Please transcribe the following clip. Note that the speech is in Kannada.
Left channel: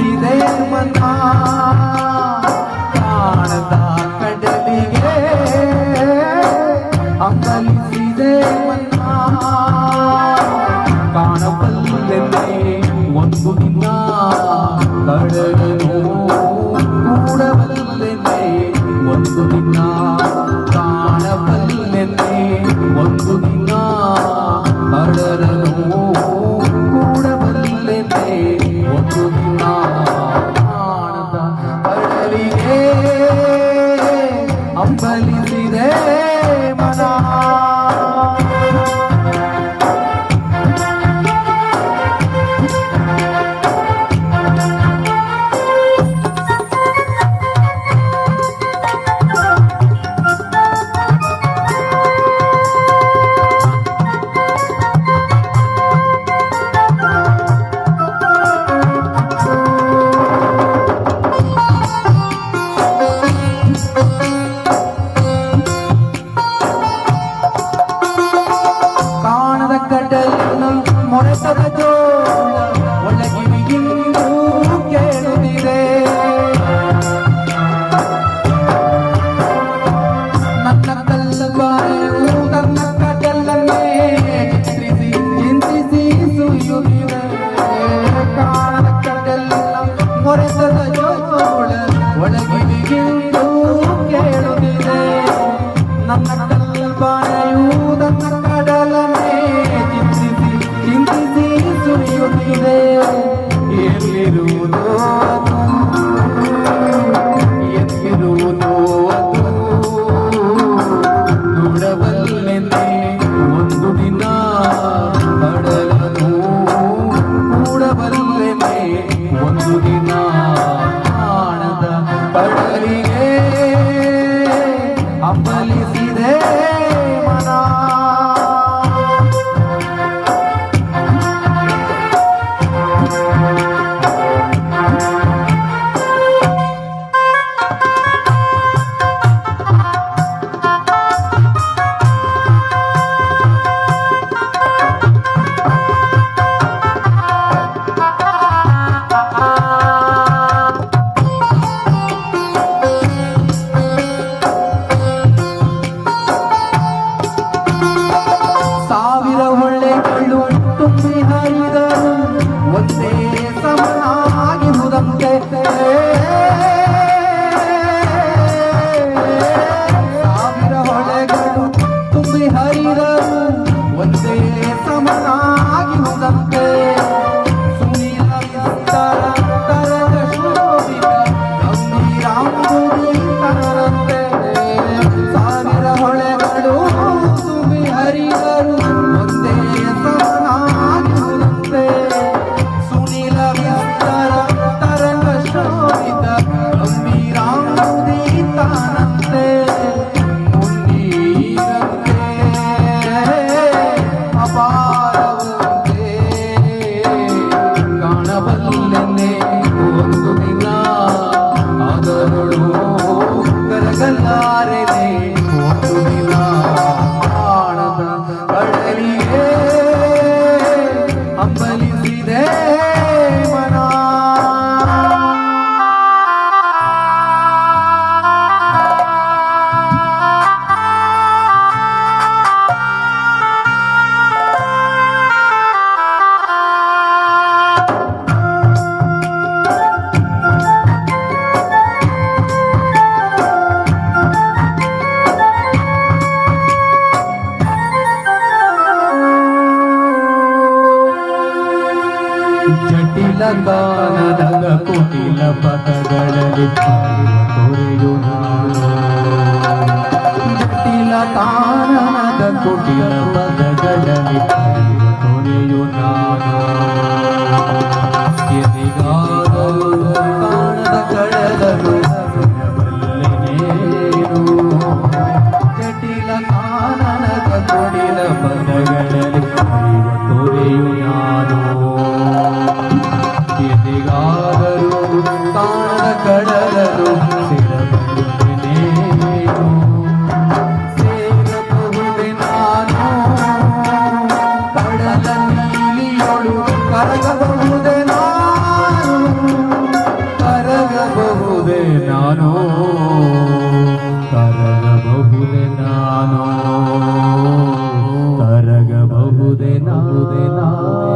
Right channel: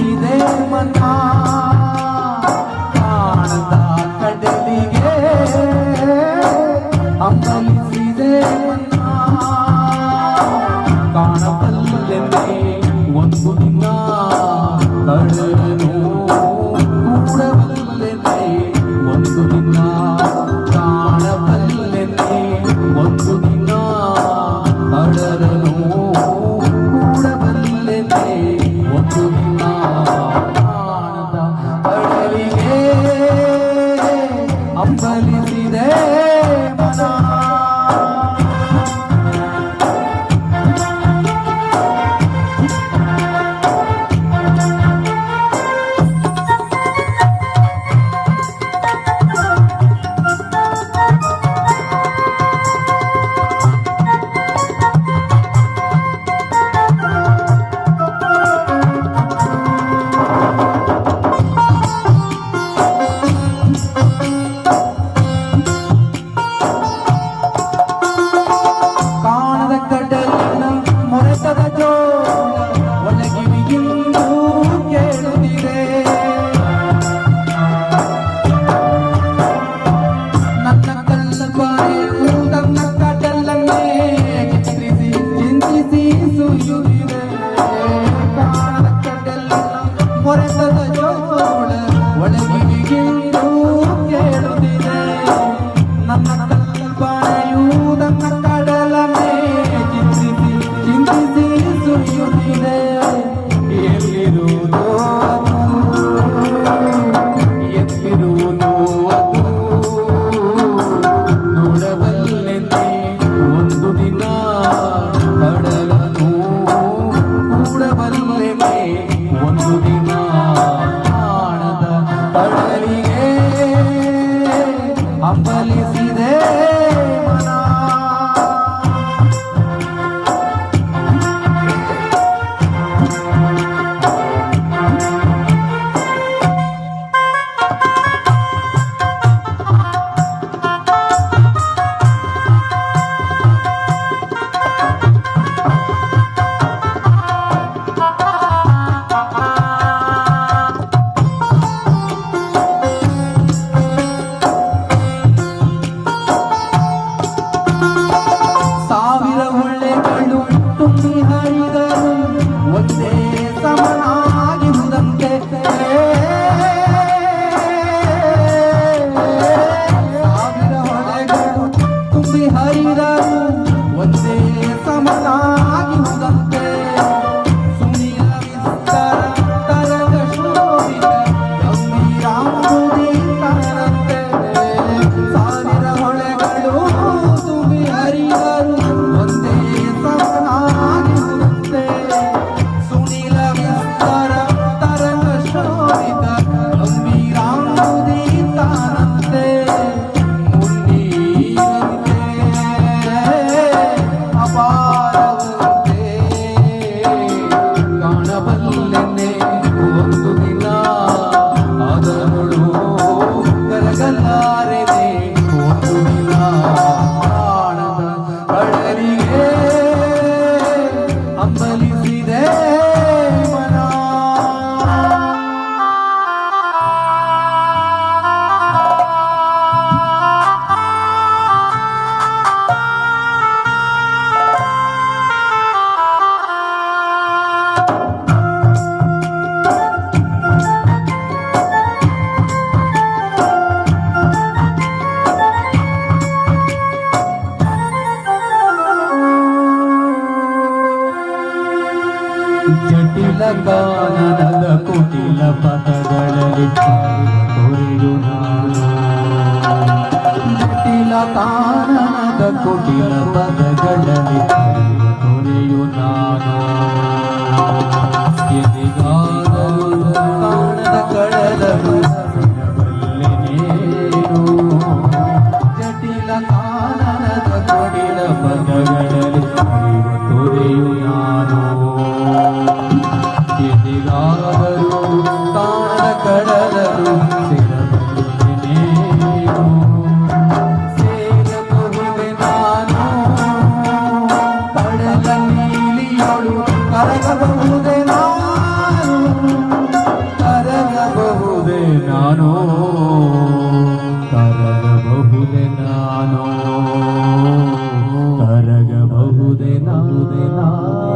மணிதேவனா மறவல்லேன் ಮಾಡಿದರು ಒಂದೇ ಸಮನಾಗಿರುವುದಂತೆ ಸಾವಿರ ಹೊಳೆಗಳು ತುಂಬಿ ಹರಿದರು ಒಂದೇ ಸಮನಾಗಿರುವುದಂತೆ ಜಟಿಲ ಗಾನದ ಕುಟಿಲ ಪದಗಳಲ್ಲಿ ಕೊರೆಯು ನಾನು ಜಟಿಲ ಕಾನನದ ಕುಟಿಲ Hallelujah.